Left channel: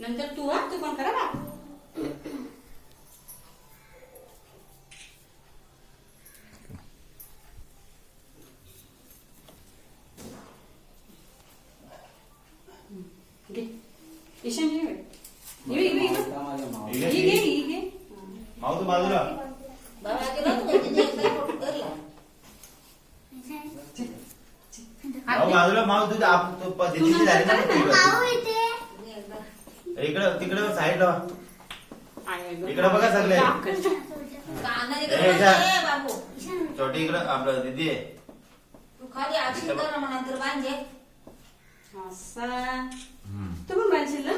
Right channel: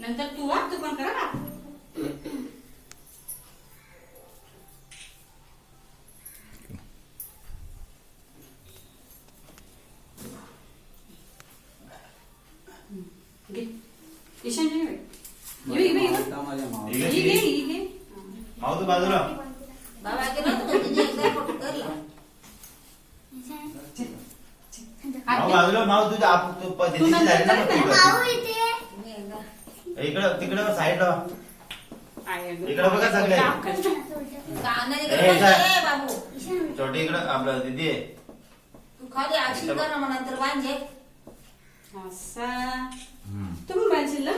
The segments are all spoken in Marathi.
नंतर तू पण करा ना. ईशान माऊ तू बाजूला बाजूला माऊ तुझ्या इकडं तिकडे साईडला इकडे बघा सगळे छोटी इकडं आपलं दिदी आहे तू खाली आक्षी कर ना नंतर बांधे असा तू पण बांधशील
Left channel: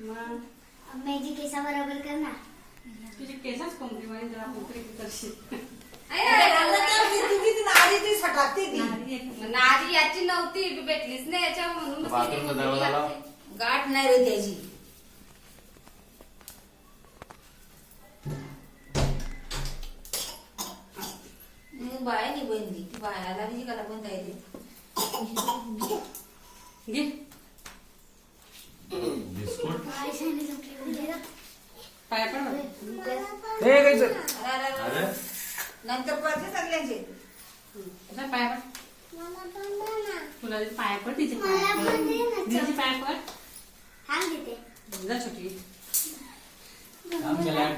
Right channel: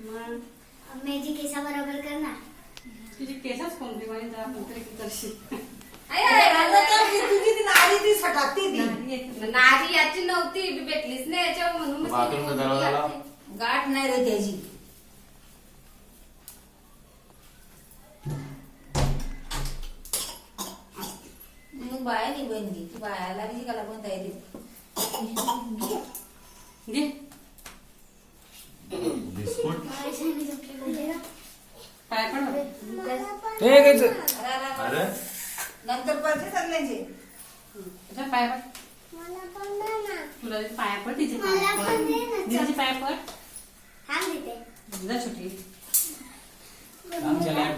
मग माझी केसा बरोबर कर ना. तुझी केसच कोणती म्हणे जरा कोणतरी करशील. नारी याची नव्हती भेटलीच नाही याच्या म्हणून बाथरूमचा दरवाजा लाव. गाठ नाही रे त्याची. बाया नाही बहिणी बायाला नाही कला पण तयारी घे बिस्कुट पाय पण बघ. अरे नंतर पडते सगळ्यांचे अशा पाय पड. तुला पाया पड तिचे पाया पड तिचे पाया पड. जा छोटी आमच्या लाईफ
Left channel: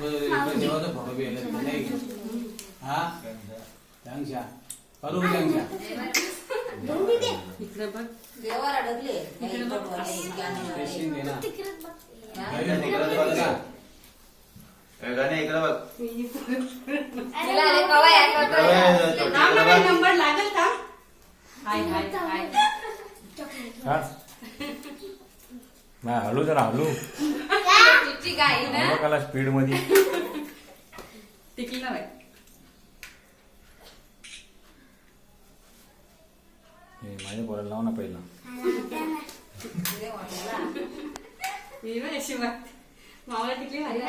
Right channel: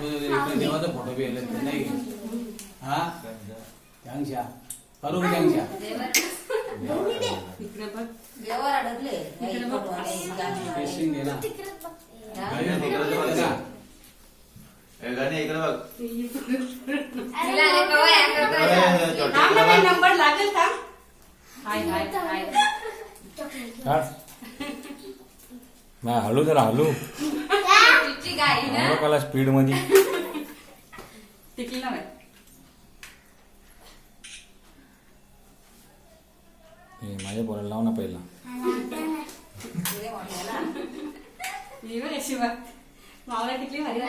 देवाचा फोटो बी आला नाही हा त्यांच्या बरोबर त्यांच्या इकडे बघ. देवाला अडकले इकडे बघ. पेशिंग घे ना इकडे बघ हा मला नंबर लागेल का. हाय हाय हाय हलू जरा हलू तिची गाडी ना कला स्पीड मध्ये टिकली ना बाई. माझ्या बोलायला लाव ना पहिला. मी बघ अशी बघ मावला टिकली भारी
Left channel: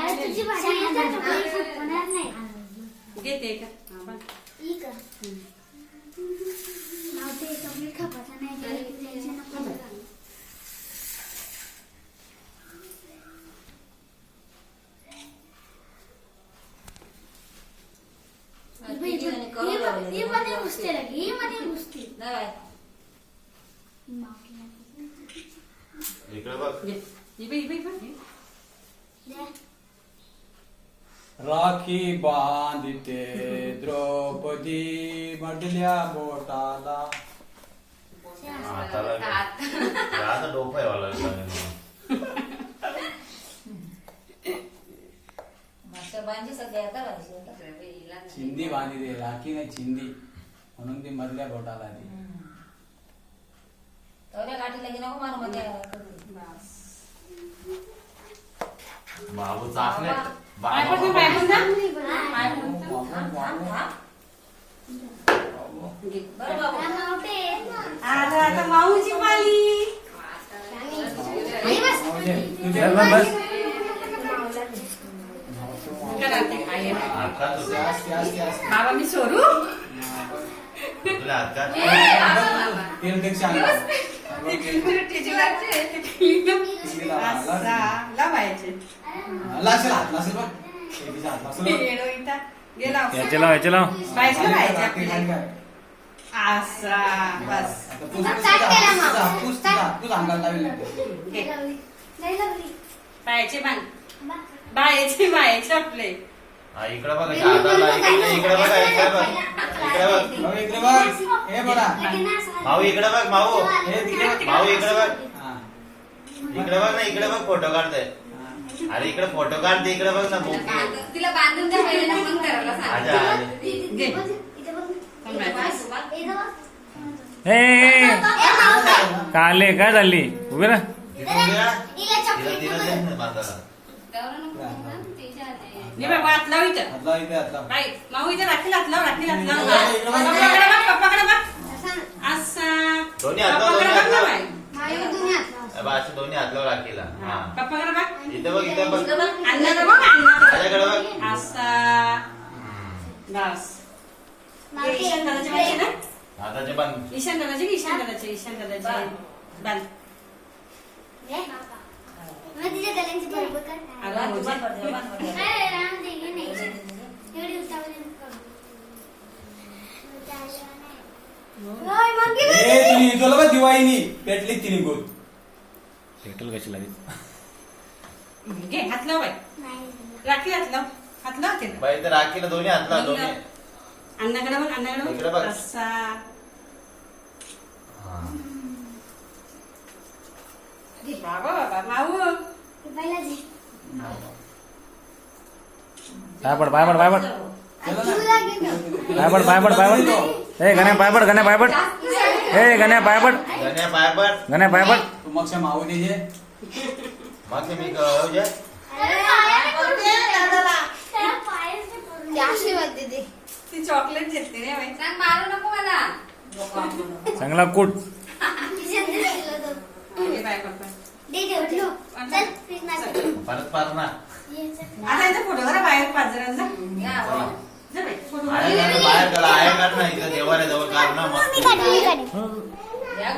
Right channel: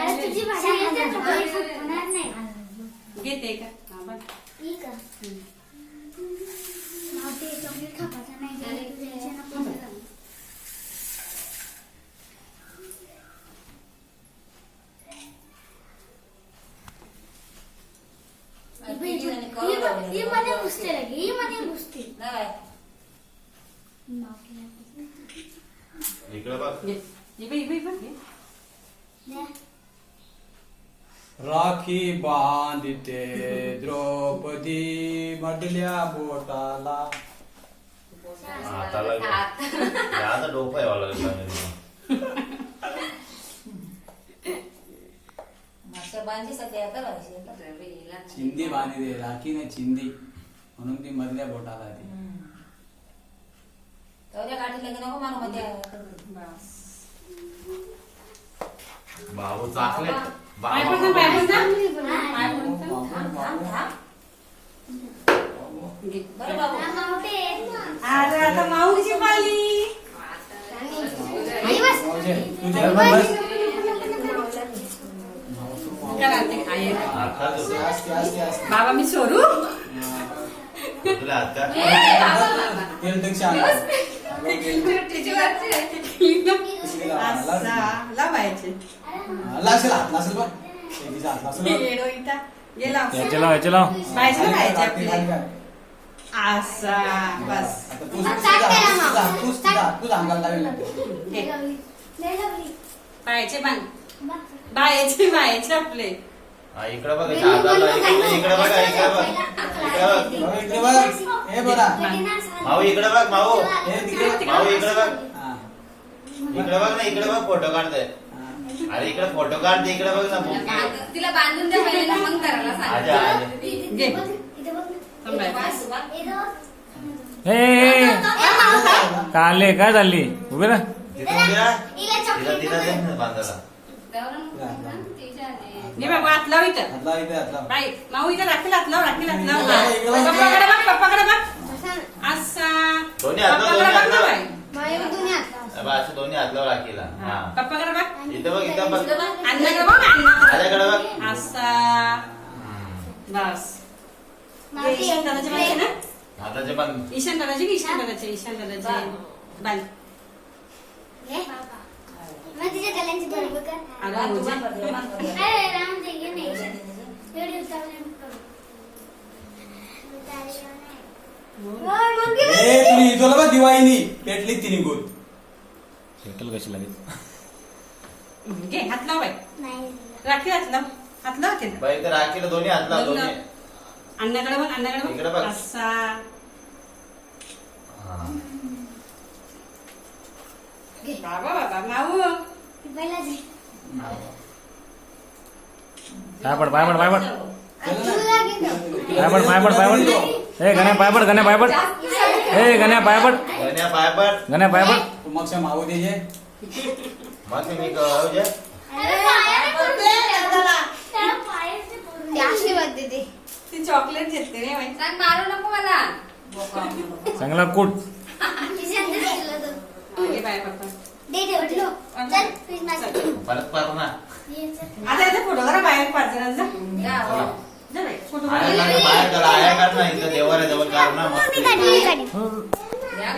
घेते का. हा बघ इकडे बघ राखी बांधते द्रौपदी मधल्या बोटाला हाताला आता डोकं आहे वाला मागच्या बांधी सध्या करायची चिंदी बांधली राखी नाही चिंदी म्हणून ती मधल्या बोटाला ती तेवढ्या गाठी लगे नको मारू मध्ये बाबू चाकले पाय पड ना, पाय पड ना. पाय पड ना. बरं बाबू अरे आता माऊची पाली. बाबा मी सोडू तुला हात का लावायचे गेला याचे लाव याचे लाव. पाहिजे पाहिजे असा बस पायाचे बांध बायाचे बायाचे आपले. इकडे बघ हाताला इकडे बघ इकडे बघ माऊ इकडे बघ माऊ माऊ इकडे बघ इकडे बघ ना इकडे बघ फोटो काढताय. अरे इकडे फोटो काढते इकडे बघ ना मुक्की तिला बांधून द्या पहिला मग करायला सांग. आजा आजा हे काले काय झाली उभे ना. तिथून घे ना. तिला तिला दे ना बांधायला. हात लाव इथं. हातला इथे हातला बाई माऊ इथं राखील हात लाव राखील हात लाव. पप्पाकडे बघ पप्पाकडे बघ असा दोन्ही हात लाव दोन्ही हात लाव. हात असे दोन्ही हात लाव राखीला. हा पप्पाकडे बघ इथं बघ इथं बघ अण्णाकडे बघ अण्णाकडे माझ्याकडे बघ. असा बस. ईशान दादाचे पाहिजे ना. हाताचे बंद ईशान दादाचे ईशान दादाचे बांध. तिच्या अगं मुझे अरे राम देगी नहीं व्हिडिओ चालू करू नाही मग तुला इजोला बा दिवाळीनी पेटली तिने गोल पेट्रोल कशी लागेल घे हात लाव बाई नाही राखी हात लाव हात लाव ते बाई तर राखीला दोन्ही हात लाव दोन्ही अण्णाकडे बघ इकडे बघ. असा हा. बाबा बाबा माऊ पहिला जी पायपड पायपड पायपड तुला घेतो पायपड पायपड पायपड ए गण्या पायपड गण्या पायपड ए गण्या पायपड गण्या पायापर गण्या पायपड तू मग मावू दे जे मग ते मी कहू जे ते आशीर्वाद दे दे ती चॉकलेट देते रे बाई सांग मारू नको मला चांगला कूट हे बाय बाबा दे दे उठलो चल प्लीज ना परत पार ना आता इथे फोटो करा बाहेर पाच जणांचा चला. जा बाई फोटो आया काढ ना, बाहेर करा आया काढ ना इथं देवाऱ्या जवळ काढ ना मस्त मी काढी या,